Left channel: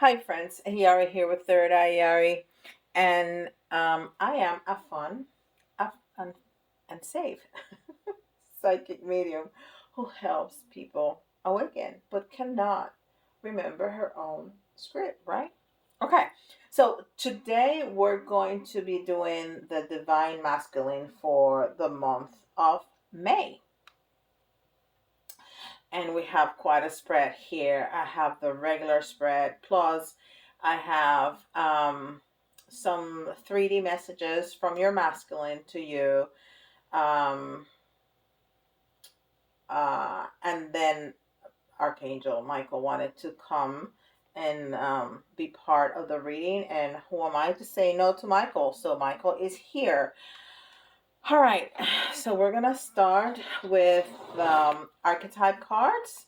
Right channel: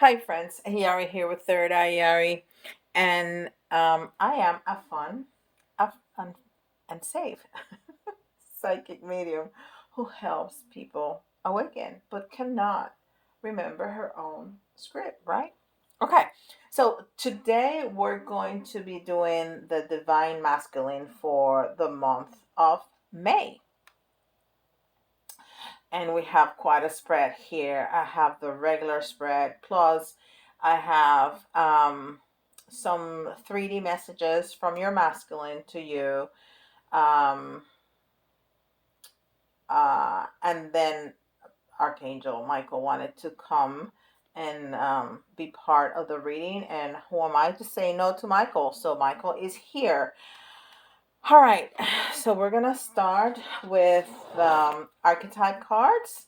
Hi friends, Yari here with Third Eye Yari, and I am a fun, a fun and safe psychic medium who helps people awaken but cannot remember her own script, right? Okay, so today we're going to be doing the Divine Masculine for the month of May. And we have quite a spread here. I have the regular spread, plus I have some 3D messages from your masculine to you. Um, and then Archangel Michael wanted to come and be part of the reading. And who am I to say no to Michael? So Michael is here. All right, so we're gonna start with archetype cards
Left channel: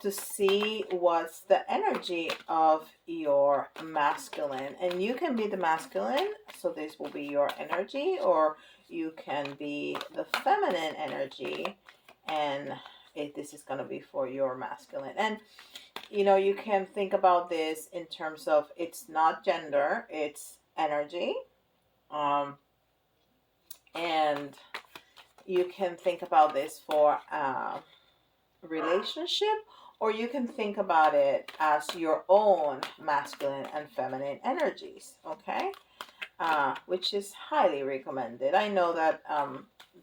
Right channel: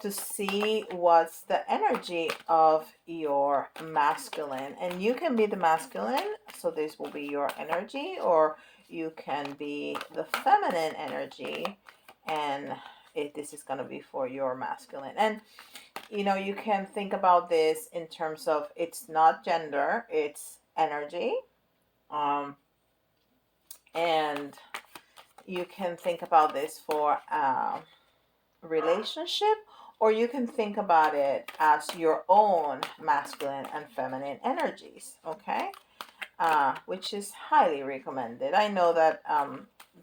to see what's the energy of your masculine. And you can be the masculine, so this will be your energy, or you can be the feminine energy, and this is going to be for your masculine. And you can think about this in terms of it's not gender, it's energy. Um, and you can think about this for relationship, or you can think about it as your own masculine and feminine energies, okay? Which is highly recommended. I know that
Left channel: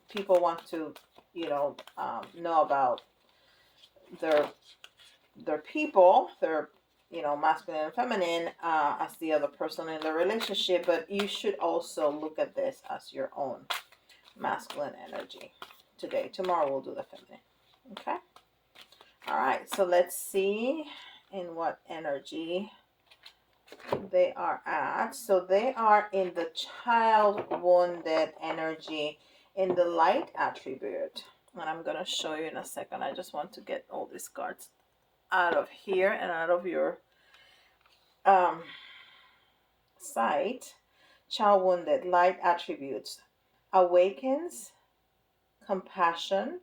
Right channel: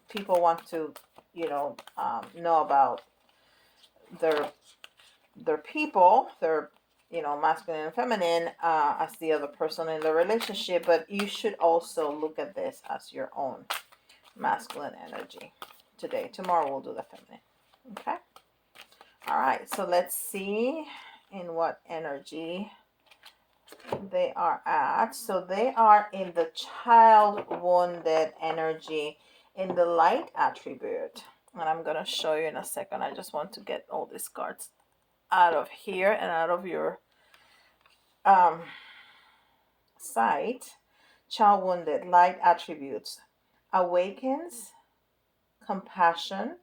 people want to know about their people, their masculine and feminine, as the other person in the relationship, but you should also look at this as your own masculine energy today. Tomorrow we'll do the feminine, okay? All right, so let's see in what energy they are at. So they are in the child wounded energy in the light attribute. And I'm going to show you in a second. I just want to get all these cards out of here and out of your um, sight. Child wounded, light attributes, awakens compassion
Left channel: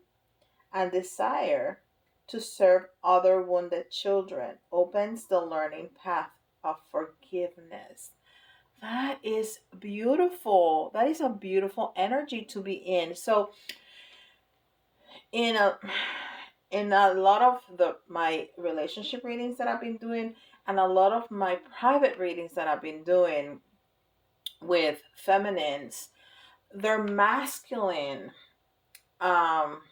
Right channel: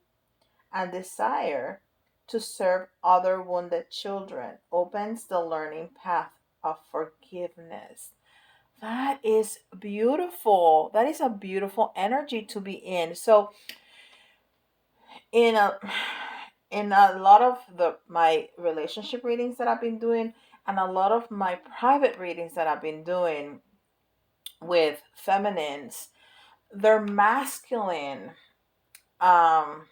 and desire to serve other wounded children, opens the learning path of forgiveness. That is beautiful. That is a beautiful energy to be in. So in a in a lot of the my relationship readings that I've been doing, and a lot of my private readings that I've been doing with feminines, they're masculine. Um,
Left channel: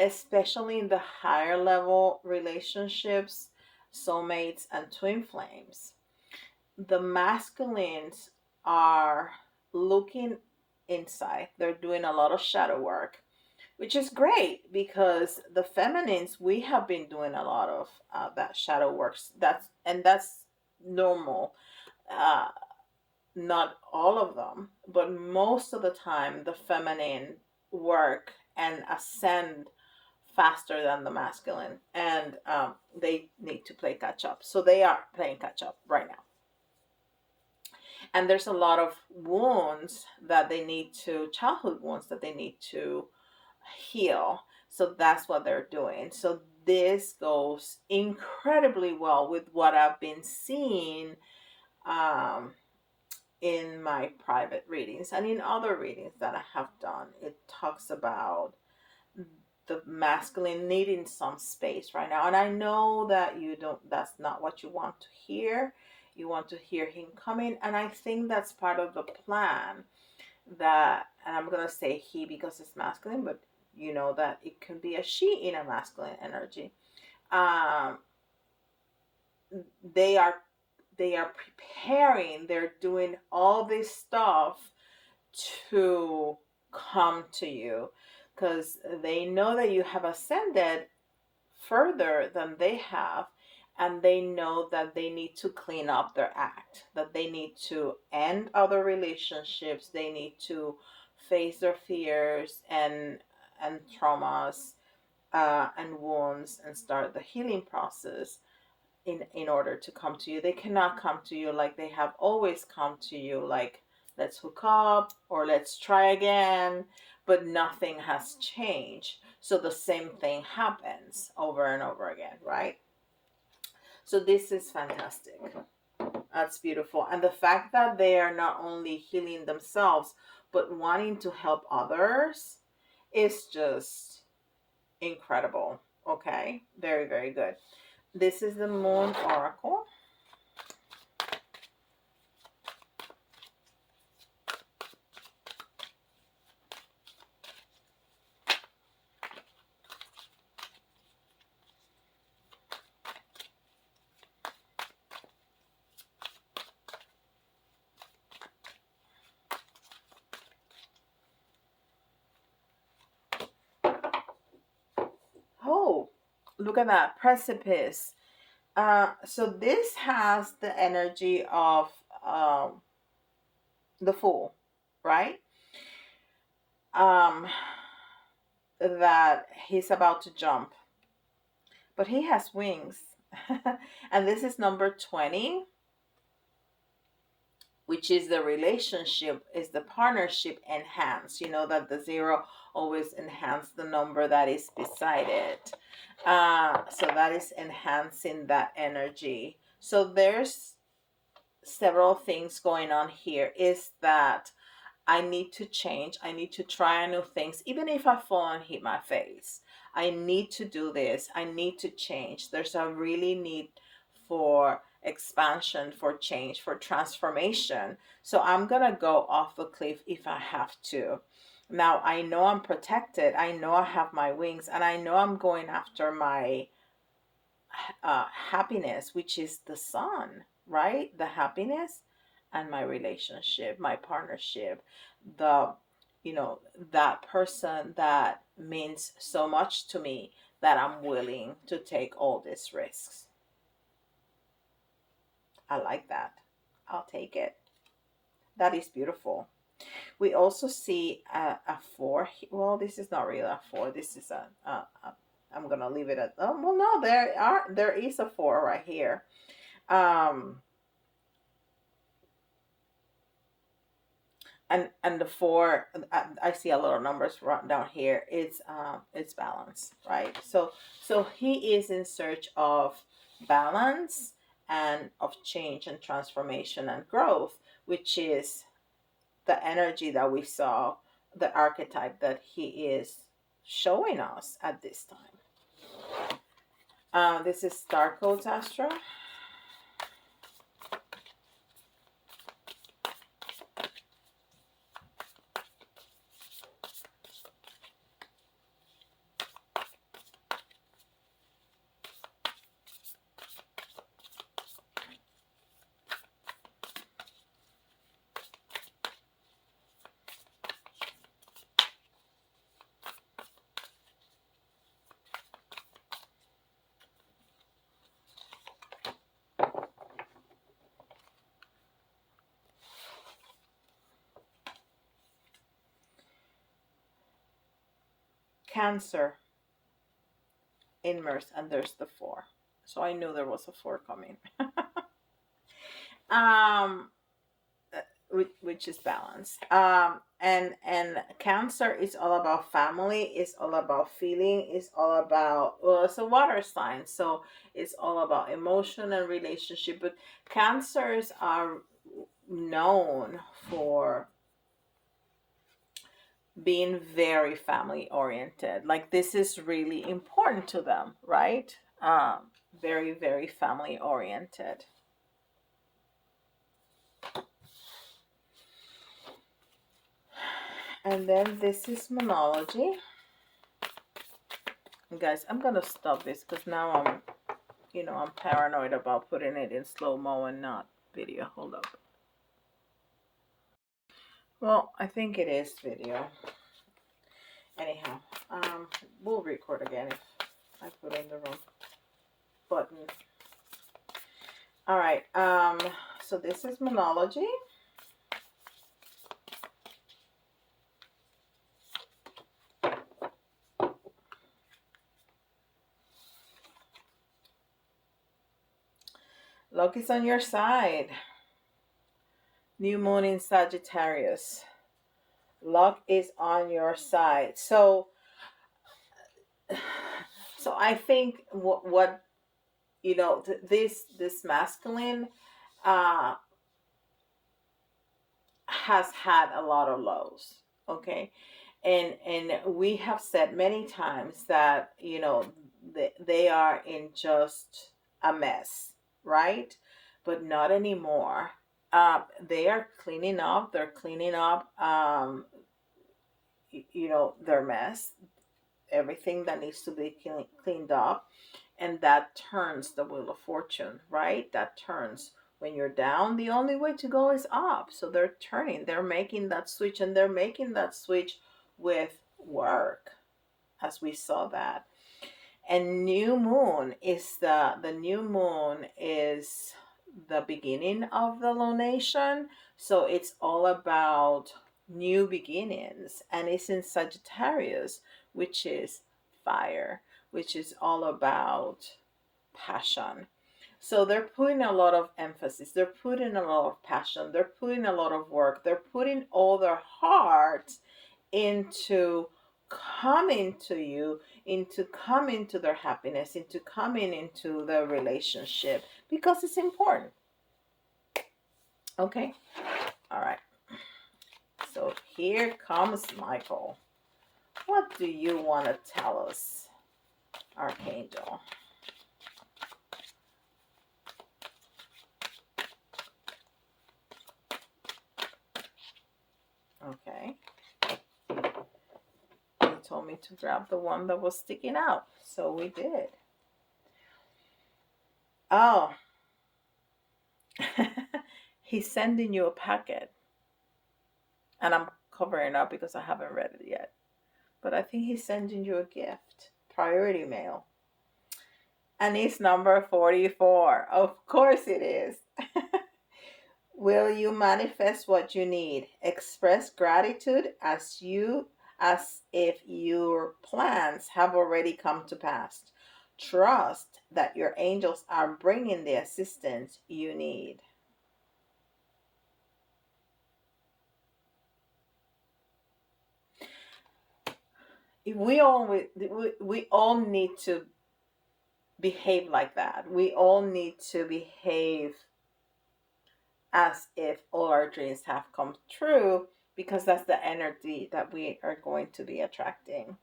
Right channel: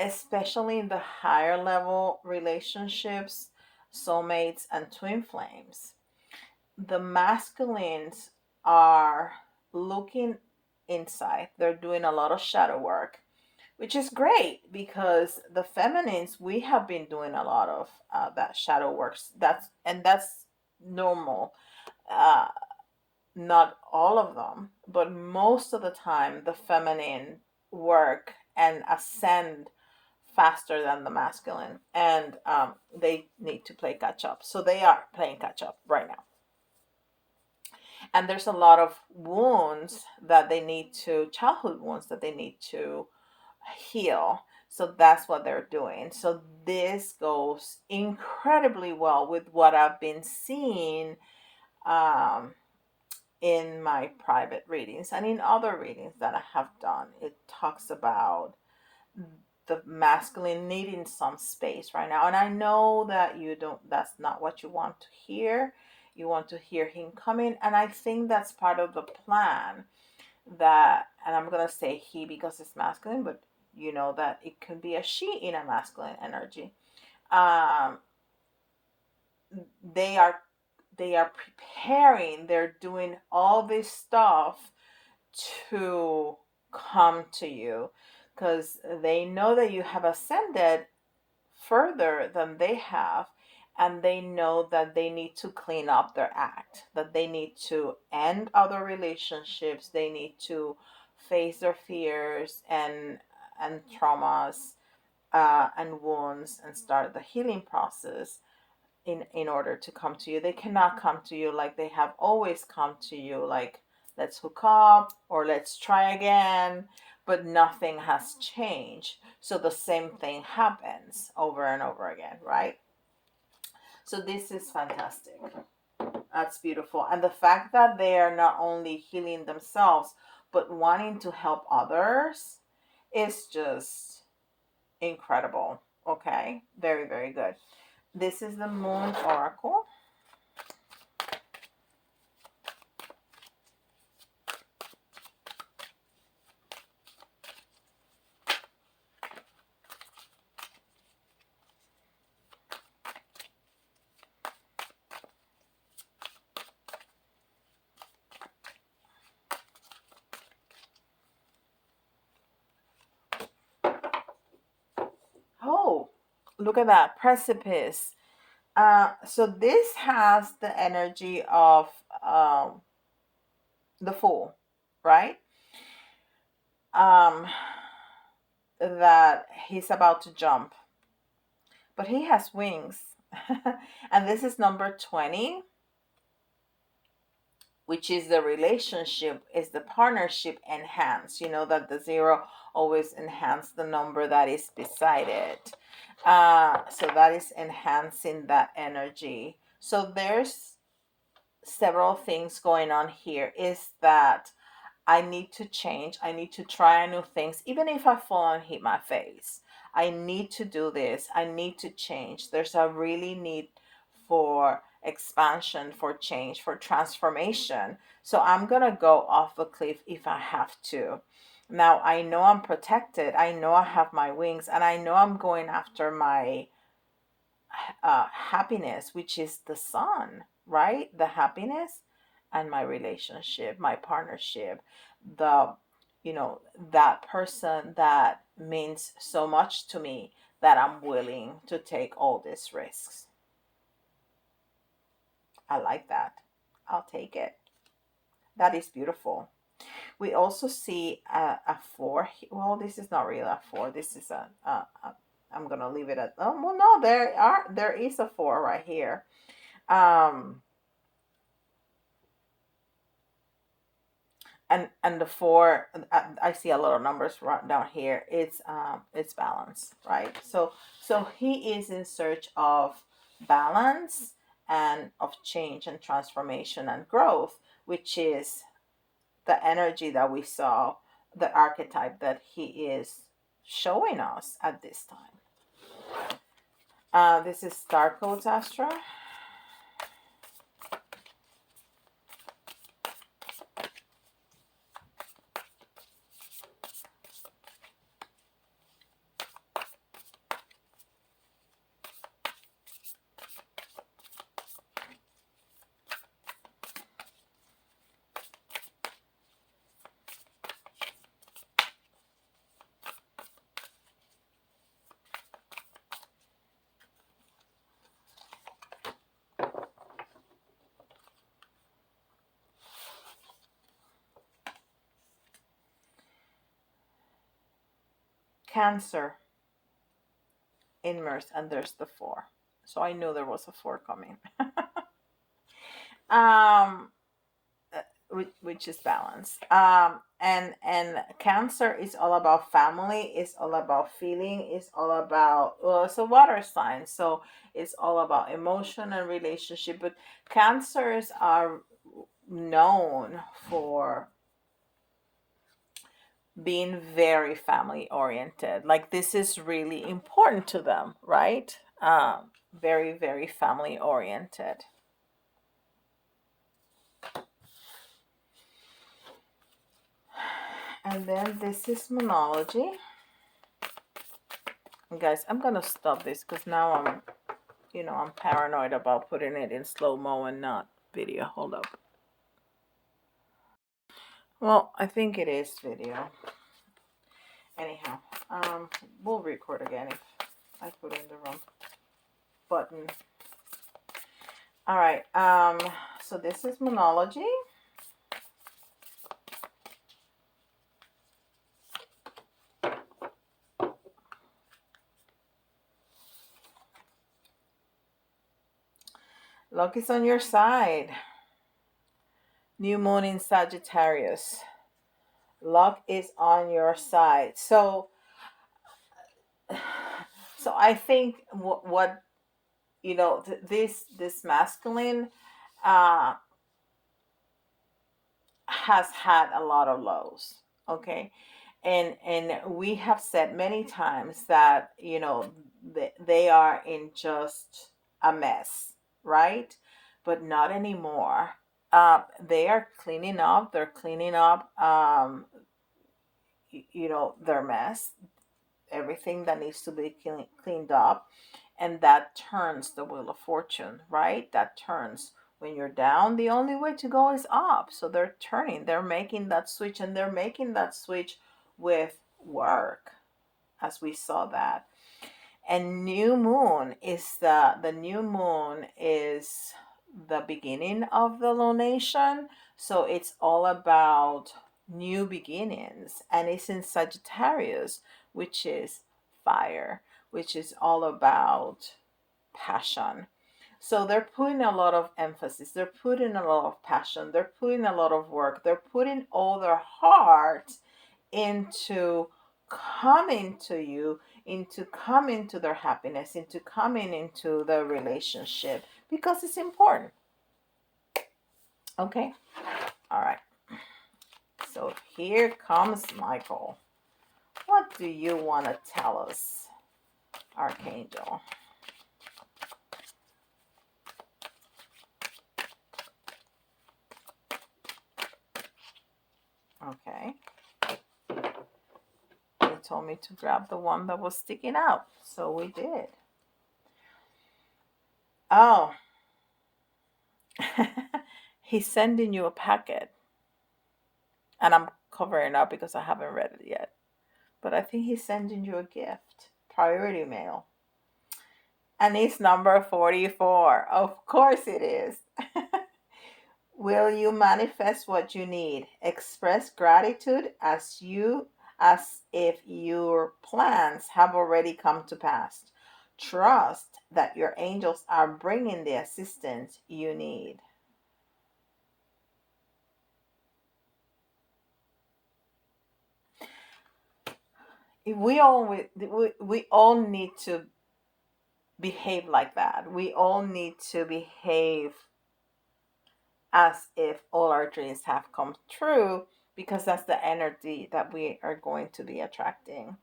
Especially in the higher level relationships, soulmates, and twin flames. The masculines are looking inside, they're doing a lot of shadow work, which is great because the feminines, we have been doing a lot of that shadow works. That's normal. Uh, Not all of them, but most of the time, the feminine work and ascend faster than the masculine, and they need to play catch up. So they are playing catch up right now. And there's a lot of wounds that they need to, childhood wounds that they need to heal. So that's what they're doing. So this goes incredibly well with what I've been seeing um, in my private readings and in other readings that I have done. It talks about the masculine needing some space right now. And I know that you don't, that's not what you want to hear. You want to hear him coming. And I think that's part of the plan that, and I'm going to say he because it's masculine, but you know that it can be a she in a masculine energy. Um, they are they are preparing, they're doing all this stuff to come to you because they know that you have ascended further than they have, and they know that they need to clean up their act, that they need to end other relationships, they need to face their fears and traumas and wounds and start the healing process in order to come to you. They cannot come to you like they have always come to you, like let's hook up or let's try again. but nothing has changed. So the same thing happens over and over again, right? So this is fantastic. That's beautiful. And the fact that they are not only healing themselves, but wanting to help others is just incredible. Okay, very, very good. This is the Moon Oracle. Oh, look at that precipice. So this has the energy of um, the Fool, right? Um, that he's about to jump, but he has wings. And this is number 20, which is the relationship, is the partnership enhanced. You know that the zero always enhance the number that is beside it. So that is enhancing that energy. So there's several things going on here. Is that I need to change. I need to try new things, even if I fall and hit my face. I need to do this. I need to change. There's a really need for expansion, for change, for transformation. So I'm going to go off the cliff if I have to. Now, I know I'm protected. I know I have my wings, and I know I'm going after my happiness, which is the sun, right? The happiness and my relationship, my partnership, the, you know, that person that means so much to me that I'm willing to take all these risks. I like that. I'll take it. That is beautiful. We also see a four. Well, this is not really a four. This is I'm gonna leave it at. Oh well, no, there is a four right here. Um, and the four, I see a lot of numbers right down here. It's balance, right? So he is in search of balance and of change and transformation and growth, which is the energy that we saw, the archetype that he is showing us at this time. This is Star Codes Astra. Cancer, immersed, and there's the four. So I knew there was a four coming. um, which is balance. And Cancer is all about family. It's all about feeling. It's all about, well, it's a water sign, so it's all about emotion and relationship. But Cancers are known for being very family oriented. Like this is really important to them, right? Very, very family oriented. And then this is Moonology. Guys, I'm gonna stop this because now I'm paranoid about putting it in slow-mo and not video. Hold up. Well, I think it is video. Anyhow, we'll record again if I put in the wrong button. All right, so this is Moonology. Luck is on your side. New moon in Sagittarius. Luck is on your side. So I think what this masculine uh has had a lot of lows. Okay. And we have said many times that they are in just a mess, right? But not anymore. They are cleaning up. They're cleaning up their mess, everything that needs to be cleaned up, and that turns the wheel of fortune, right? That turns. When you're down, the only way to go is up. So they're turning, they're making that switch, and they're making that switch with work, as we saw that. And new moon is the beginning of the lunation. So it's all about new beginnings, and it's in Sagittarius, which is fire, which is all about passion. So they're putting a lot of emphasis, they're putting a lot of passion, they're putting a lot of work, they're putting all their heart into coming to you, into coming to their happiness, into coming into the relationship, because it's important. Okay. All right. So here comes Michael. What do you want to tell us, Archangel? Okay. He told me to grab the one that was sticking out. So we did. Oh, he's sending you a packet. And I'm covering up because I haven't read it yet. But I think he's sending you a gift. Priority mail. And it's number 44. Of course it is. Will you manifest what you need? Express gratitude as if your plans have already come to pass. Trust that your angels are bringing the assistance you need. We all need to behave like that. We all need to behave as if all our dreams have come true, because that's the energy that we are going to be attracting.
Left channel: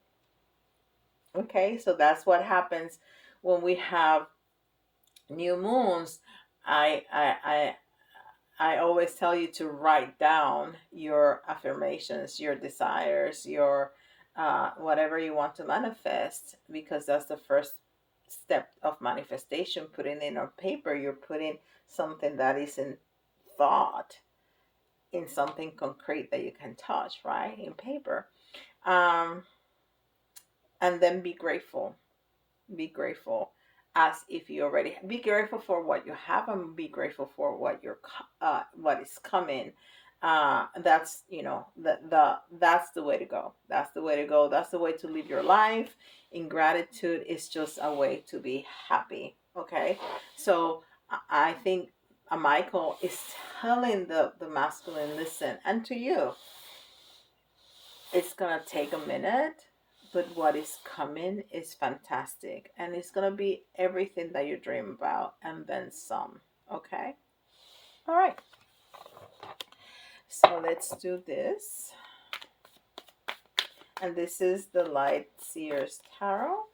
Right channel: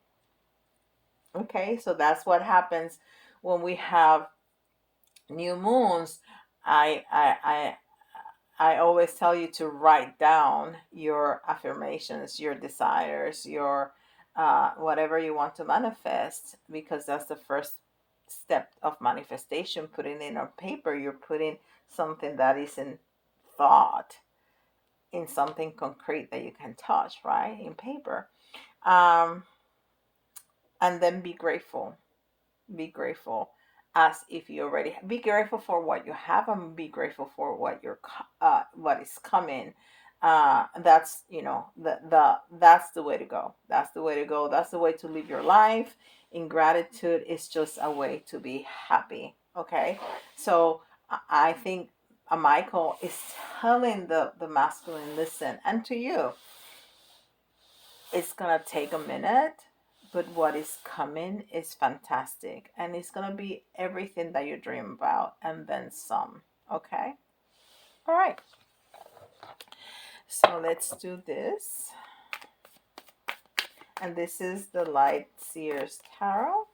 Okay, so that's what happens when we have new moons. I always tell you to write down your affirmations, your desires, your whatever you want to manifest, because that's the first step of manifestation. Putting in on paper, you're putting something that is in thought, in something concrete that you can touch, right? In paper. Um, and then be grateful. Be grateful as if you already be grateful for what you have, and be grateful for what is coming. That's that's the way to go. That's the way to go. That's the way to live your life. In gratitude is just a way to be happy. Okay, so I think Michael is telling the masculine, listen, and to you, it's gonna take a minute, but what is coming is fantastic, and it's gonna be everything that you dream about and then some. Okay. All right. So let's do this. And this is the Light Seers Tarot.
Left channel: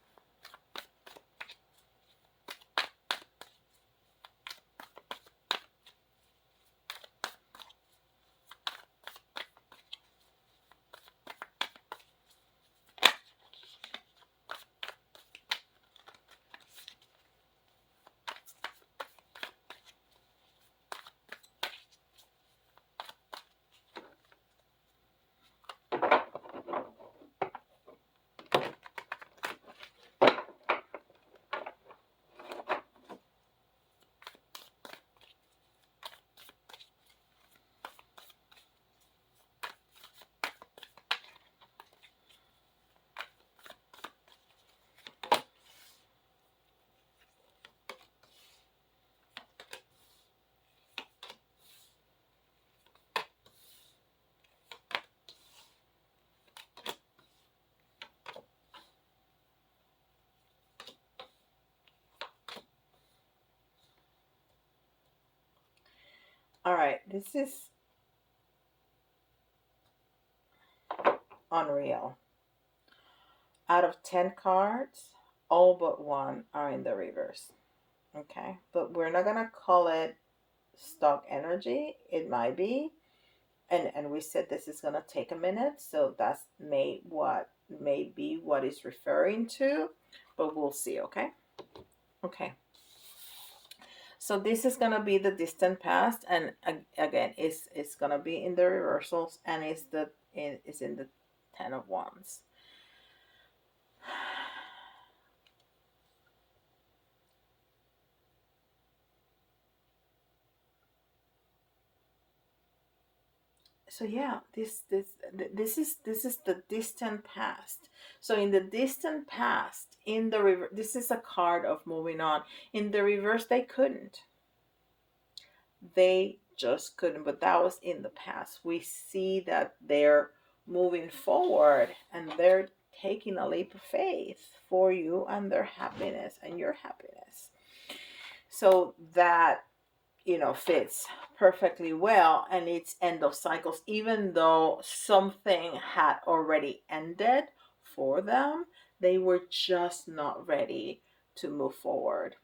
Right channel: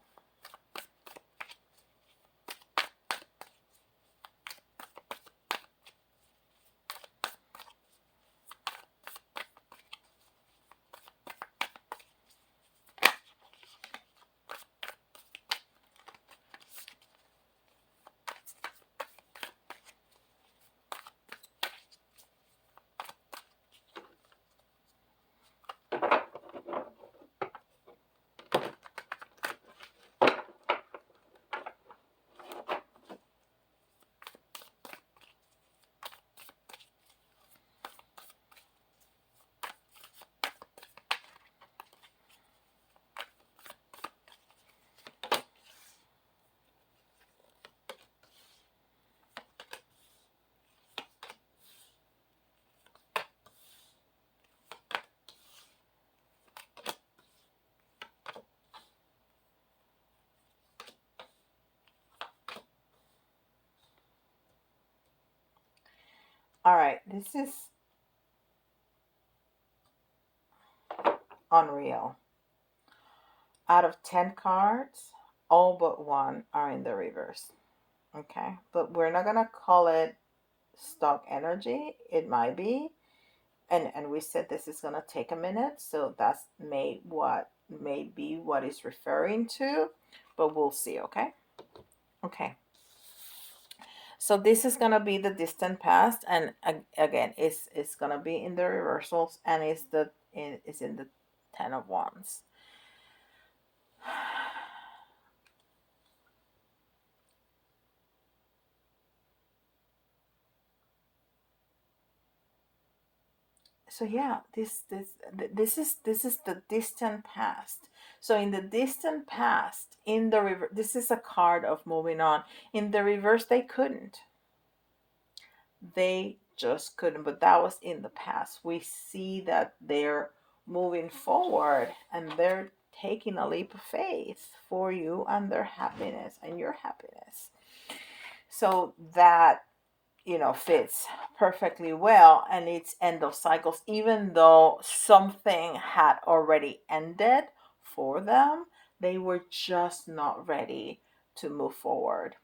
All right, this is unreal. Out of 10 cards, all but one are in the reverse. Okay, but we're not gonna call it stock energy. It might be, and we said this is gonna take a minute, so that's may be what it's referring to, but we'll see. Okay, okay. So this is gonna be the distant past, and again, it's gonna be in the reversals, and it's in the 10 of Wands. So yeah, this is the distant past. So in the distant past, in the reverse, this is a card of moving on. In the reverse, they just couldn't, but that was in the past. We see that they're moving forward, and they're taking a leap of faith for you and their happiness and your happiness. So that, fits perfectly well, and it's end of cycles. Even though something had already ended for them, they were just not ready to move forward,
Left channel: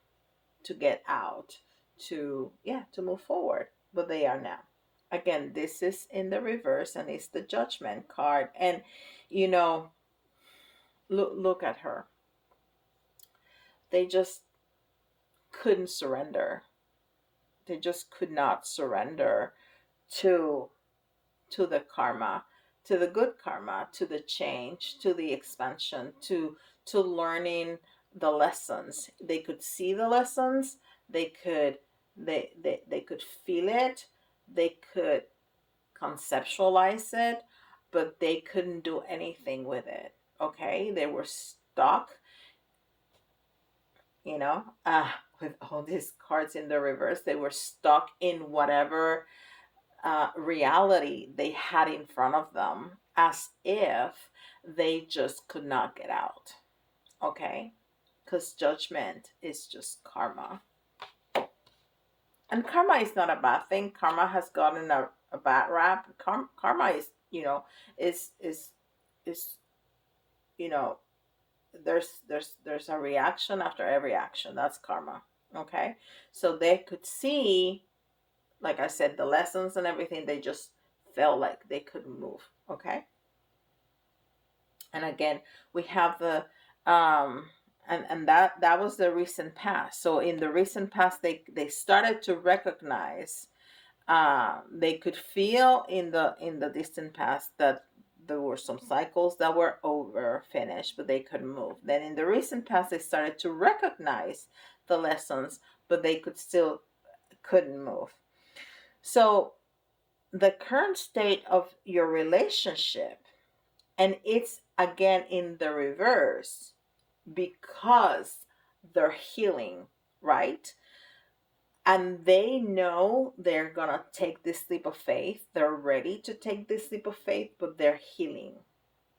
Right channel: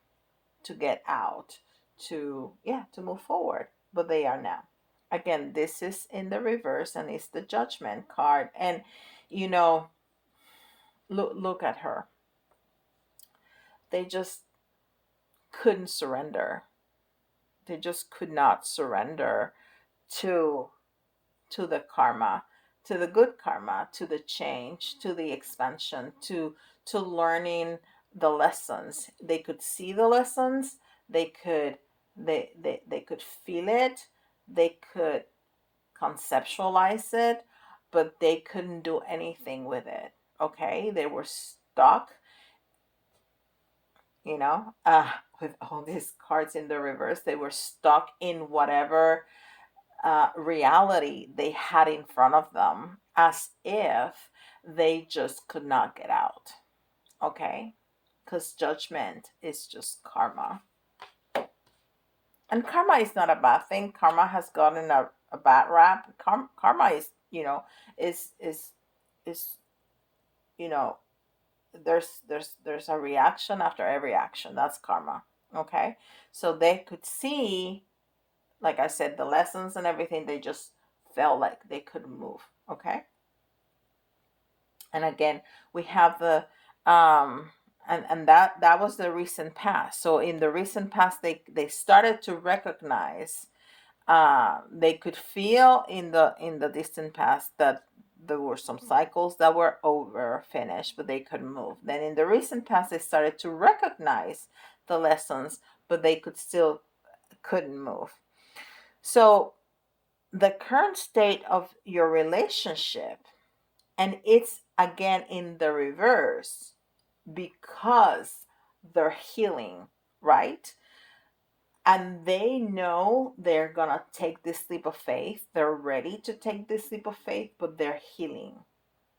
to get out, to move forward, but they are now. Again, this is in the reverse, and it's the Judgment card. And you know look at her. They just couldn't surrender. They just could not surrender to the karma, to the good karma, to the change, to the expansion, to learning the lessons. They could see the lessons. They could feel it. They could conceptualize it, but they couldn't do anything with it. Okay, they were stuck, you know, with all these cards in the reverse. They were stuck in whatever reality they had in front of them, as if they just could not get out. Okay? Because judgment is just karma. And karma is not a bad thing. Karma has gotten a bad rap. Karma is, is, you know, there's a reaction after every action. That's karma. Okay? So they could see, like I said, the lessons and everything. They just felt like they couldn't move. Okay. And again, we have the and that was the recent past. So in the recent past, they started to recognize, they could feel in the distant past that there were some cycles that were over, finished, but they couldn't move. Then in the recent past, they started to recognize the lessons, but they couldn't move. So the current state of your relationship, and it's again in the reverse, because they're healing, right? And they know they're gonna take this leap of faith. They're ready to take this leap of faith, but they're healing.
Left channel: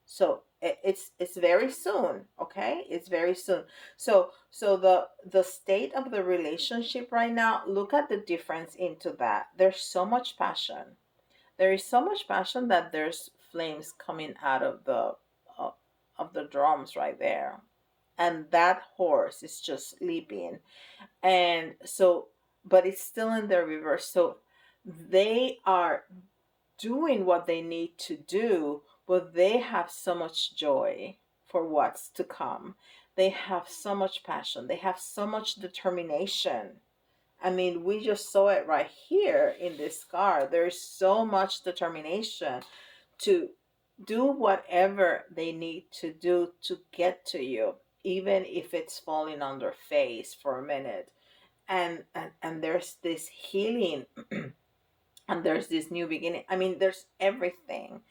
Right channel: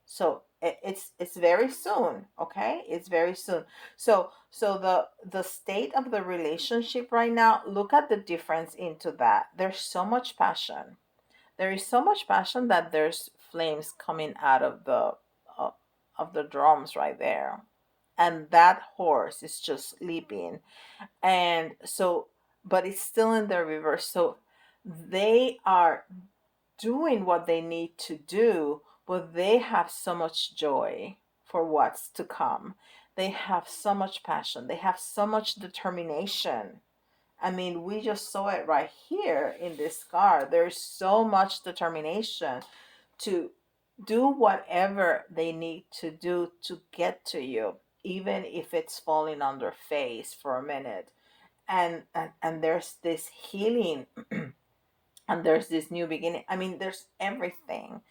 So it's very soon. Okay, it's very soon. So the state of the relationship right now, look at the difference into that. There's so much passion. There is so much passion that there's flames coming out uh, of the drums right there, and that horse is just leaping. And so, but it's still in the reverse. So they are doing what they need to do, but they have so much joy for what's to come. They have so much passion. They have so much determination. I mean, we just saw it right here in this card. There's so much determination to do whatever they need to do to get to you, even if it's falling on their face for a minute. And there's this healing, and there's this new beginning. I mean, there's everything.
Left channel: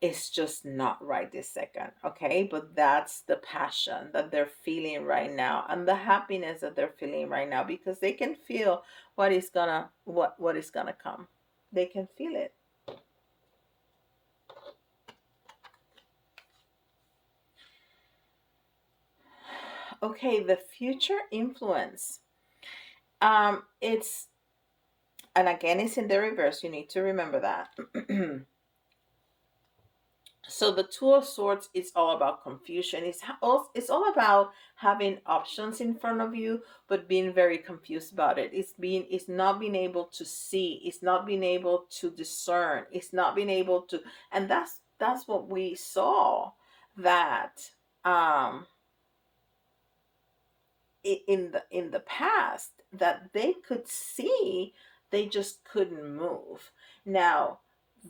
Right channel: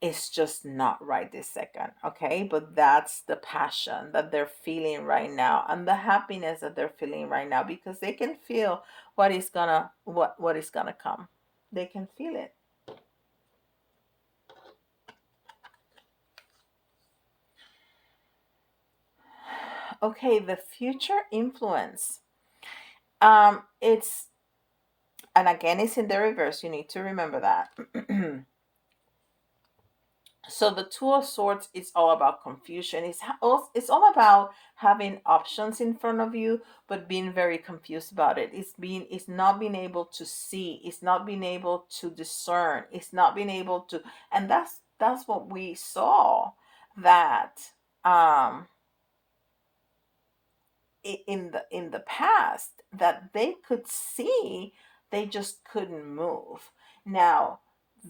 It's just not right this second. Okay, but that's the passion that they're feeling right now, and the happiness that they're feeling right now, because they can feel what is gonna come. They can feel it. Okay, the future influence. It's And again, it's in the reverse. You need to remember that. So the two of swords is all about confusion. It's all about having options in front of you, but being very confused about it. It's not being able to see. It's not being able to discern. It's not being able to, and that's what we saw, that um in the past, that they could see, they just couldn't move. Now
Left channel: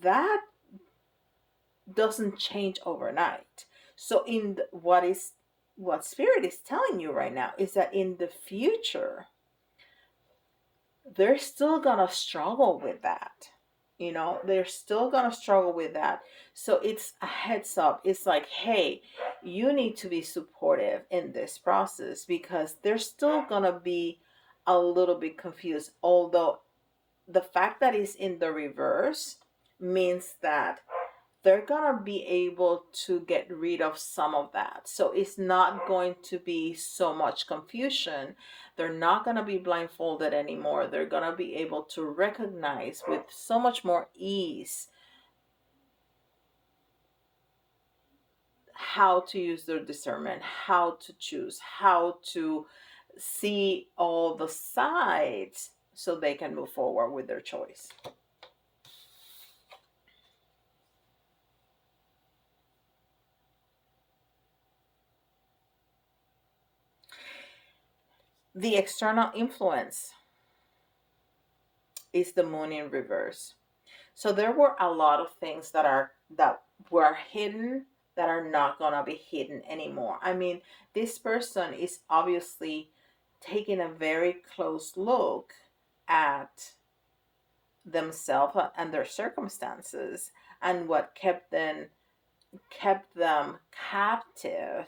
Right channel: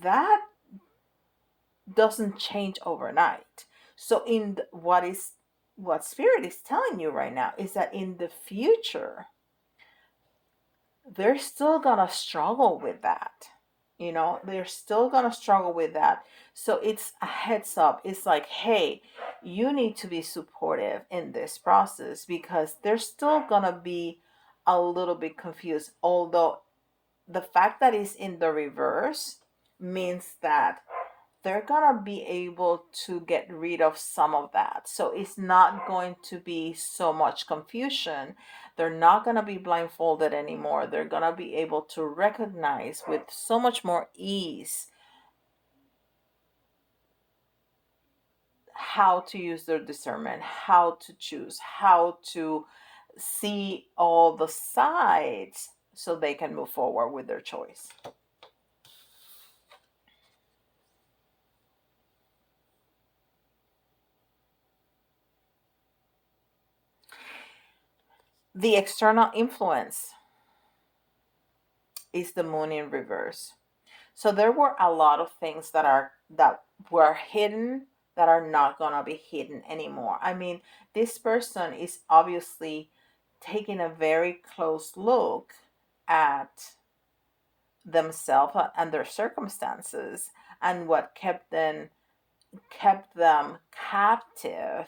that doesn't change overnight. So what spirit is telling you right now is that in the future they're still gonna struggle with that. They're still gonna struggle with that. So it's a heads up. It's like, hey, you need to be supportive in this process, because they're still gonna be a little bit confused. Although the fact that it's in the reverse means that they're gonna be able to get rid of some of that. So it's not going to be so much confusion. They're not gonna be blindfolded anymore. They're gonna be able to recognize with so much more ease how to use their discernment, how to choose, how to see all the sides so they can move forward with their choice. The external influence is the moon in reverse. So there were a lot of things that were hidden that are not gonna be hidden anymore. I mean, this person is obviously taking a very close look at themselves and their circumstances, and what kept them captive,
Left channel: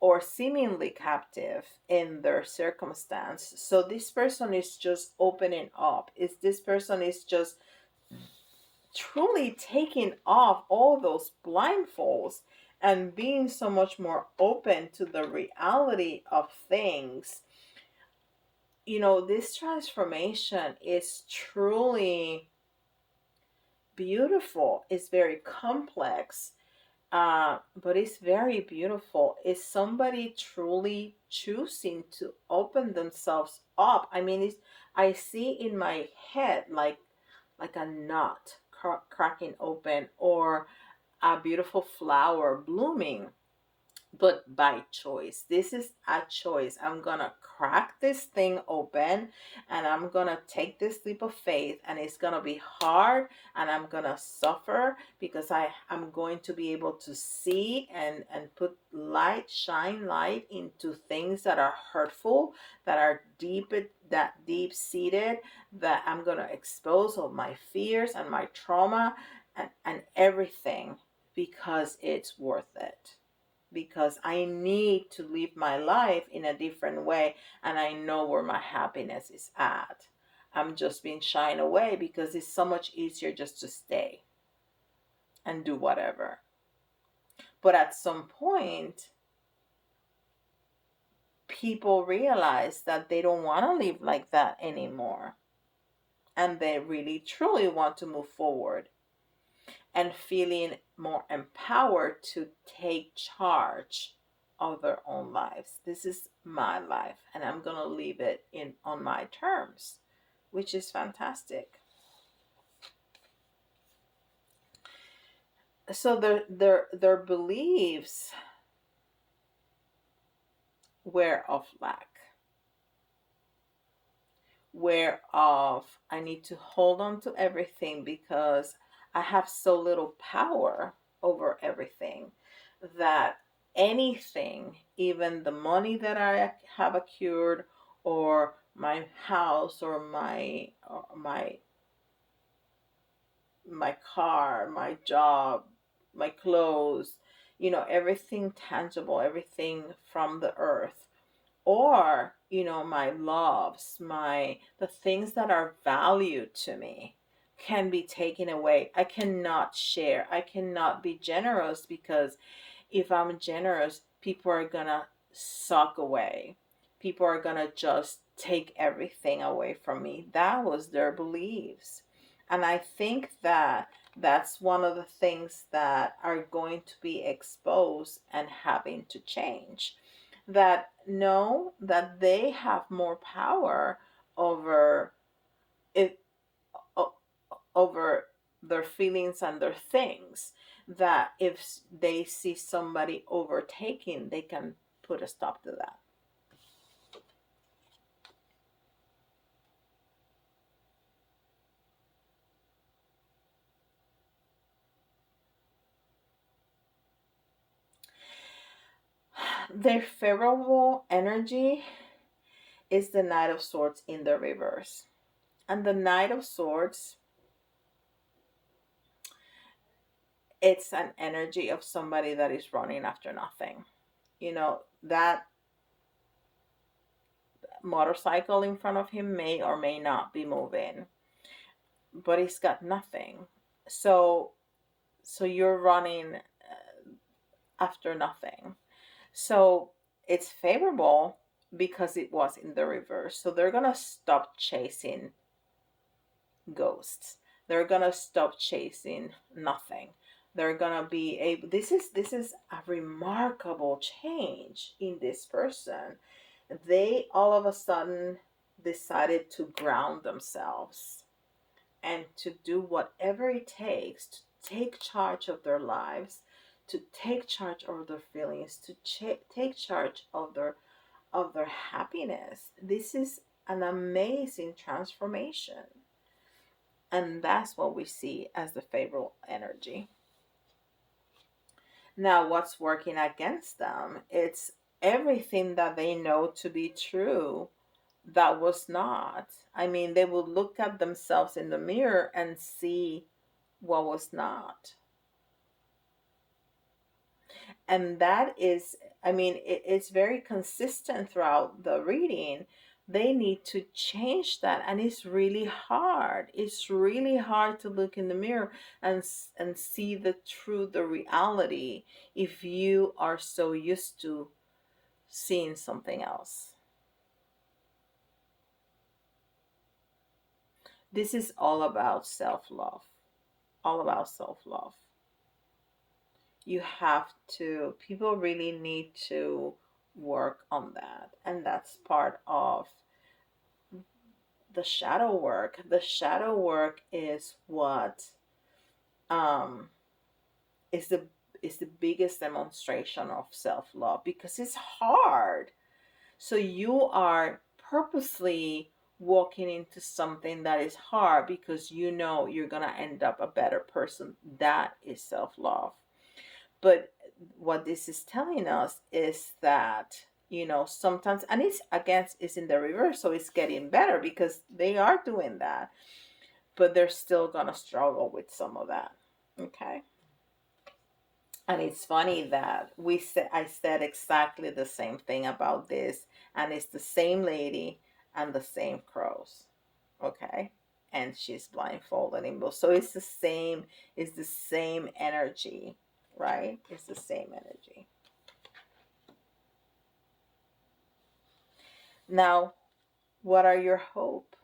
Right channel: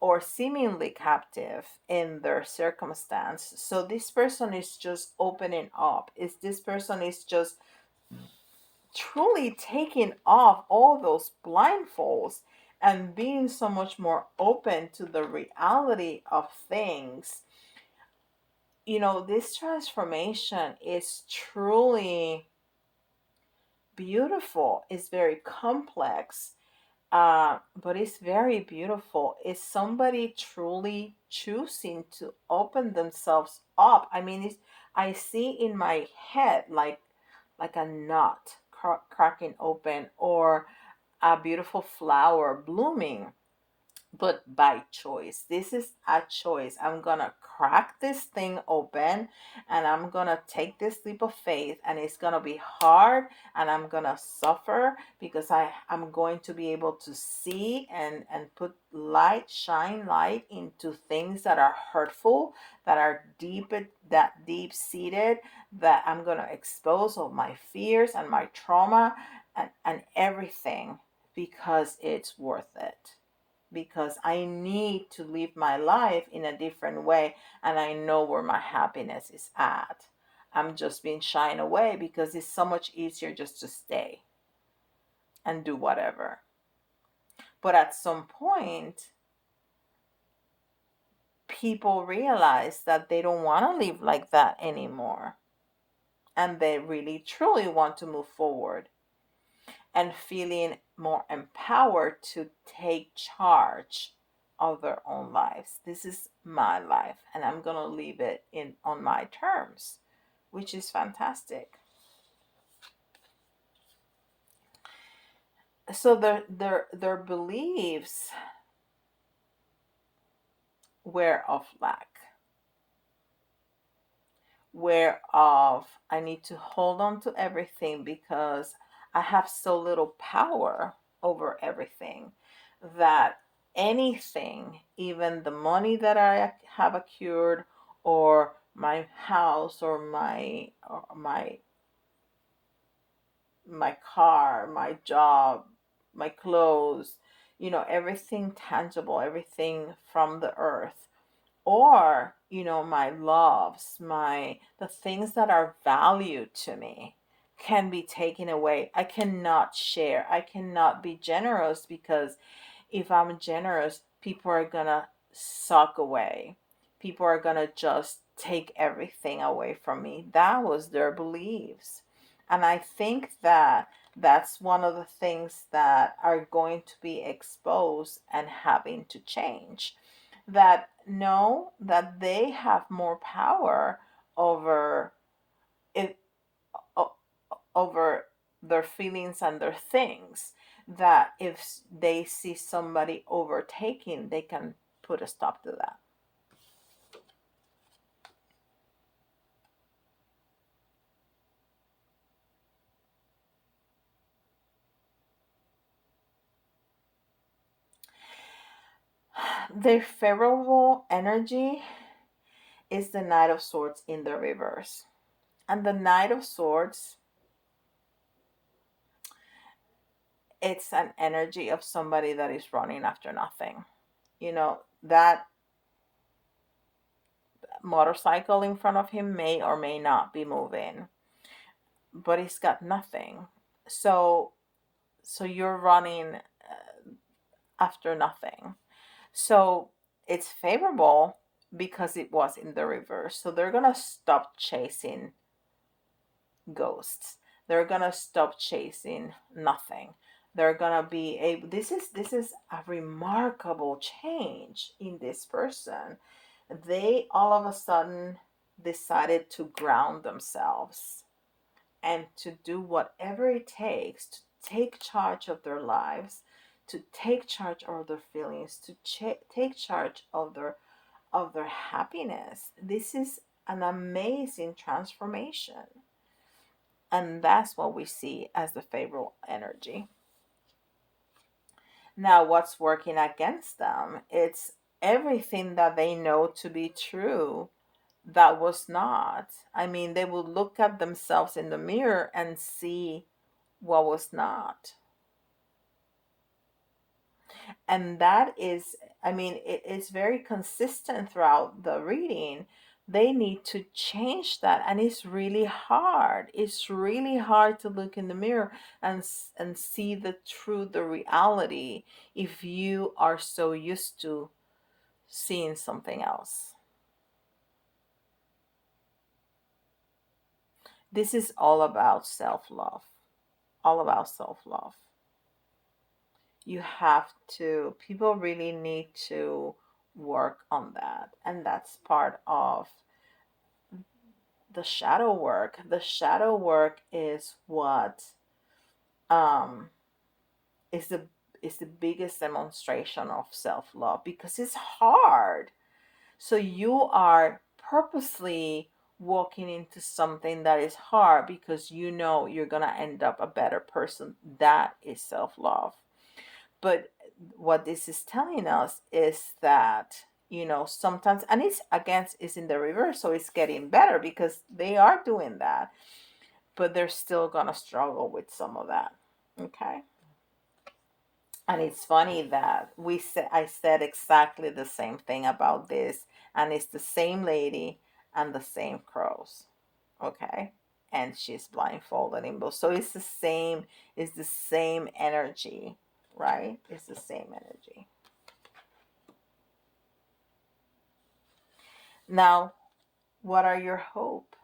or seemingly captive in their circumstance. So this person is just opening up. Is this person is just truly taking off all those blindfolds and being so much more open to the reality of things. This transformation is truly beautiful. It's very complex, but it's very beautiful. Is somebody truly choosing to open themselves up? I mean, I see in my head like a nut cracking open, or a beautiful flower blooming, but by choice. This is a choice. I'm gonna crack this thing open, and I'm gonna take this leap of faith, and it's gonna be hard, and I'm gonna suffer, because I'm going to be able to see and put light, shine light into things that are hurtful, that are deep seated, that I'm gonna expose all my fears and my trauma, and everything, because it's worth it, because I need to live my life in a different way, and I know where my happiness is at. I'm just being shined away because it's so much easier just to stay and do whatever. But at some point, people realize that they don't want to live like that anymore, and they really truly want to move forward and feeling more empowered to take charge of their own lives. This is my life, and I'm going to live it in on my terms, which is fantastic. So their beliefs were of lack, whereof I need to hold on to everything because I have so little power over everything, that anything, even the money that I have accrued, or my house, or my car, my job, my clothes, everything tangible, everything from the earth, or my loves, my the things that are valued to me, can be taken away. I cannot share, I cannot be generous, because if I'm generous, people are gonna suck away. people are going to just take everything away from me. That was their beliefs. And I think that that's one of the things that are going to be exposed and having to change. That know that they have more power over it, over their feelings and their things, that if they see somebody overtaking, they can put a stop to that. Their favorable energy is the Knight of Swords in the reverse. And the Knight of Swords, it's an energy of somebody that is running after nothing. That motorcycle in front of him may or may not be moving, but he's got nothing. So you're running after nothing. So it's favorable because it was in the reverse. So they're going to stop chasing ghosts. They're going to stop chasing nothing. They're going to be able, this is a remarkable change in this person. They all of a sudden decided to ground themselves and to do whatever it takes to take charge of their lives, to take charge of their feelings, to take charge of their happiness. This is an amazing transformation. And that's what we see as the favorable energy. Now, what's working against them? It's everything that they know to be true that was not. I mean, they will look at themselves in the mirror and see what was not. And that is, I mean, it's very consistent throughout the reading. They need to change that, and it's really hard. It's really hard to look in the mirror and see the reality, if you are so used to seeing something else. This is all about self-love. All about self-love. You have to, people really need to work on that, and that's part of the shadow work. The shadow work is what um is the biggest demonstration of self-love, because it's hard. So you are purposely walking into something that is hard because you know you're going to end up a better person. That is self-love. But what this is telling us is that, sometimes, and it's against, it's in the reverse, so it's getting better because they are doing that, but they're still gonna struggle with some of that. Okay. And it's funny that I said exactly the same thing about this, and it's the same lady and the same crows. Okay. And she's blindfolded in both. So it's the same energy, right? It's the same energy. Now, what are your hope?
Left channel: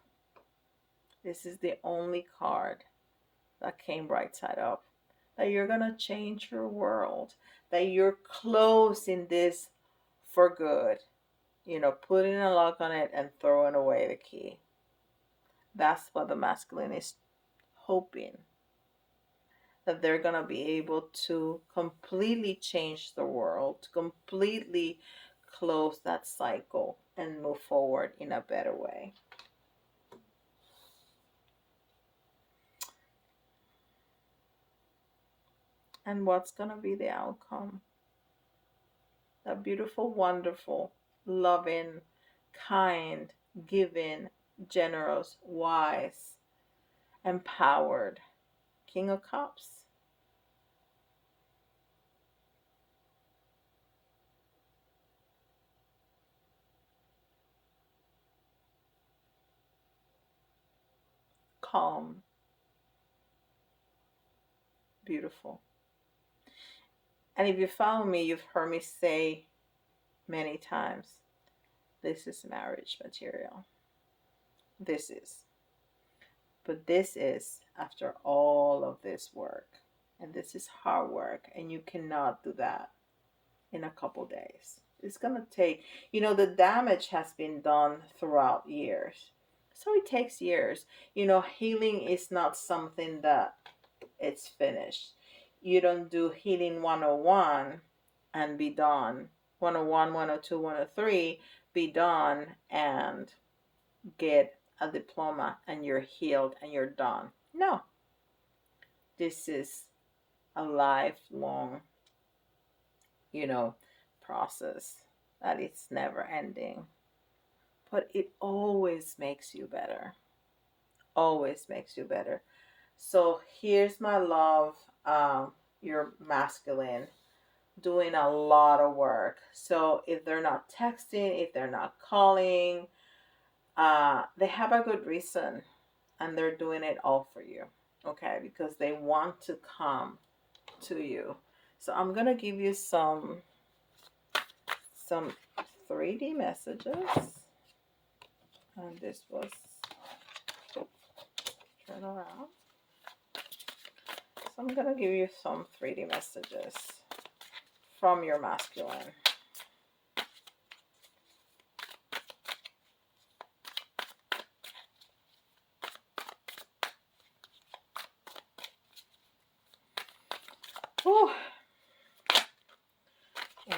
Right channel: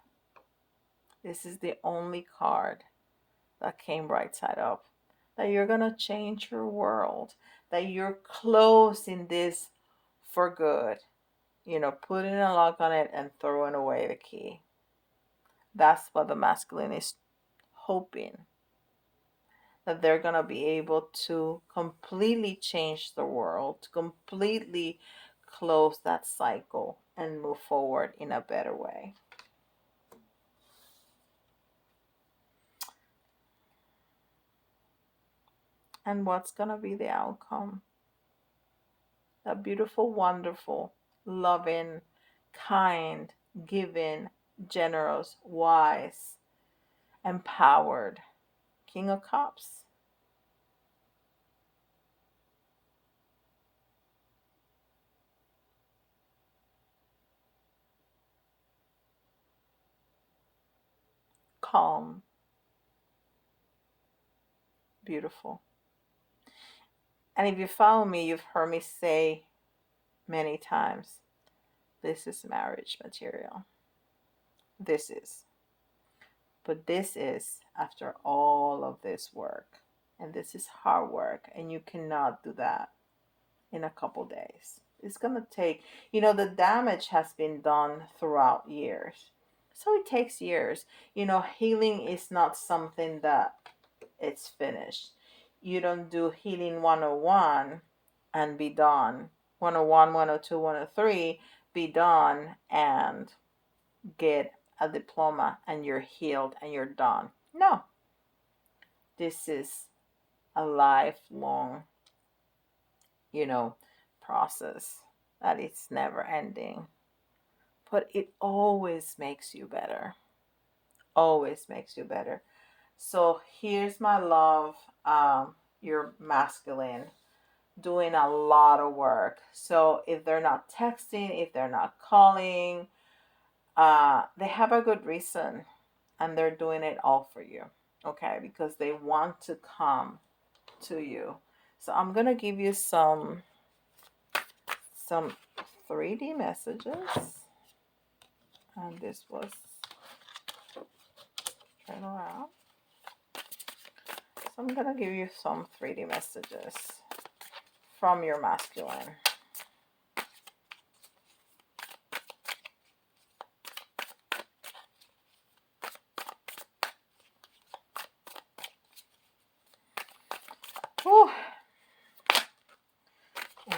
This is the only card that came right side up. That you're going to change your world. That you're closing this for good. Putting a lock on it and throwing away the key. That's what the masculine is hoping. That they're going to be able to completely change the world, to completely close that cycle and move forward in a better way. And what's going to be the outcome? A beautiful, wonderful, loving, kind, giving, generous, wise, empowered King of Cups. Calm, beautiful. And if you follow me, you've heard me say many times This is marriage material. This is. But this is after all of this work. And this is hard work. And you cannot do that in a couple days. It's going to take, the damage has been done throughout years. So it takes years. Healing is not something that it's finished. You don't do healing 101 and be done. 101, 102, 103, be done and get a diploma and you're healed and you're done. No. This is a lifelong, you know, process that it's never ending. But it always makes you better. Always makes you better. So here's my love. You're masculine, doing a lot of work. So if they're not texting, if they're not calling, they have a good reason and they're doing it all for you. Okay, because they want to come to you. So I'm gonna give you some 3D messages. And this was turn around. So I'm gonna give you some 3D messages from your masculine. Whew.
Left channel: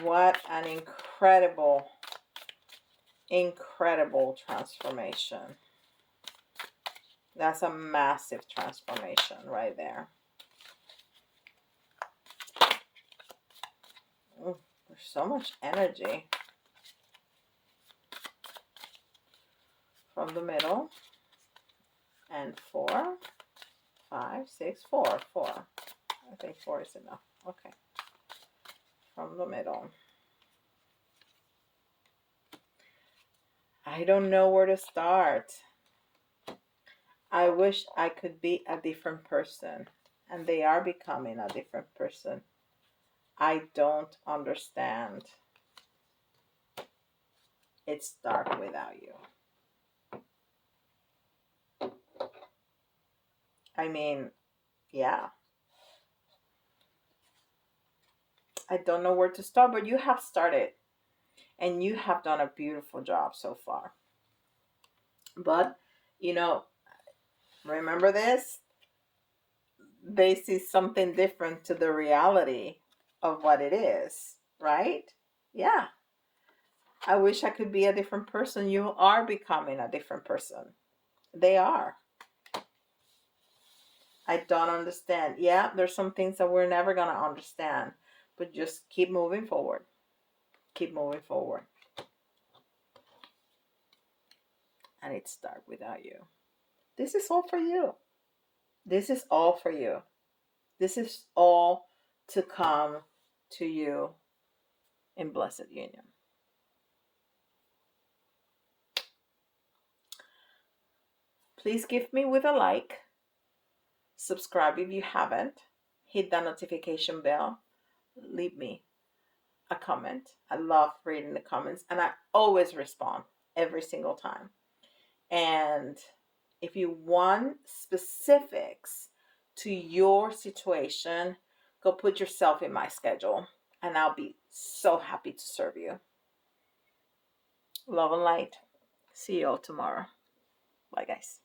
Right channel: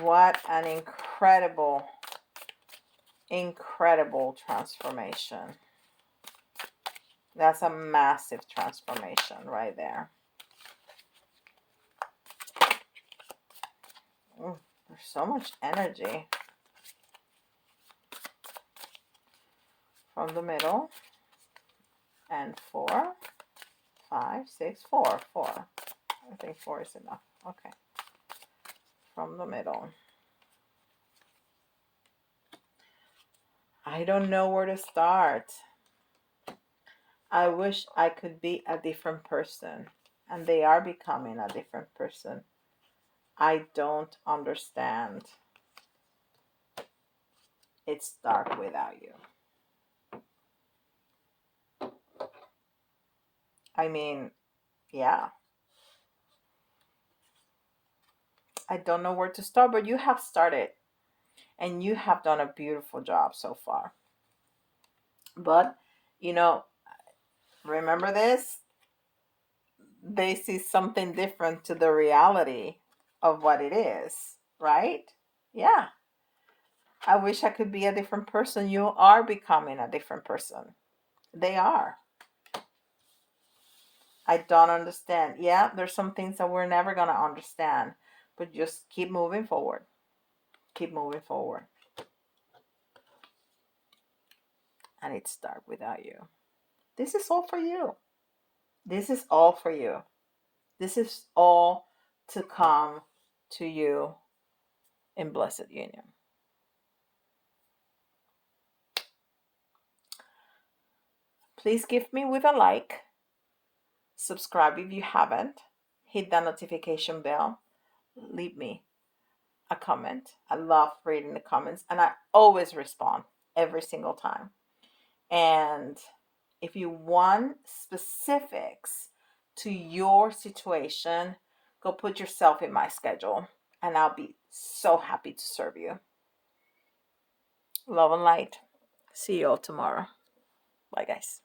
What an incredible transformation. That's a massive transformation right there. Ooh, there's so much energy. From the middle. And 4, 5, 6, 4. I think 4 is enough. Okay. From the middle. I don't know where to start. I wish I could be a different person. And they are becoming a different person. I don't understand. It's dark without you. I mean, yeah. I don't know where to start, but you have started. And you have done a beautiful job so far. But, remember this? They see something different to the reality of what it is, right? Yeah. I wish I could be a different person. You are becoming a different person. They are. I don't understand. Yeah, there's some things that we're never going to understand, but just keep moving forward. Keep moving forward. And it's dark without you. This is all for you. This is all for you. This is all to come to you in blessed union. Please give me with a like. Subscribe if you haven't. Hit that notification bell. Leave me a comment. I love reading the comments and I always respond every single time. And if you want specifics to your situation, go put yourself in my schedule and I'll be so happy to serve you. Love and light. See you all tomorrow. Bye, guys.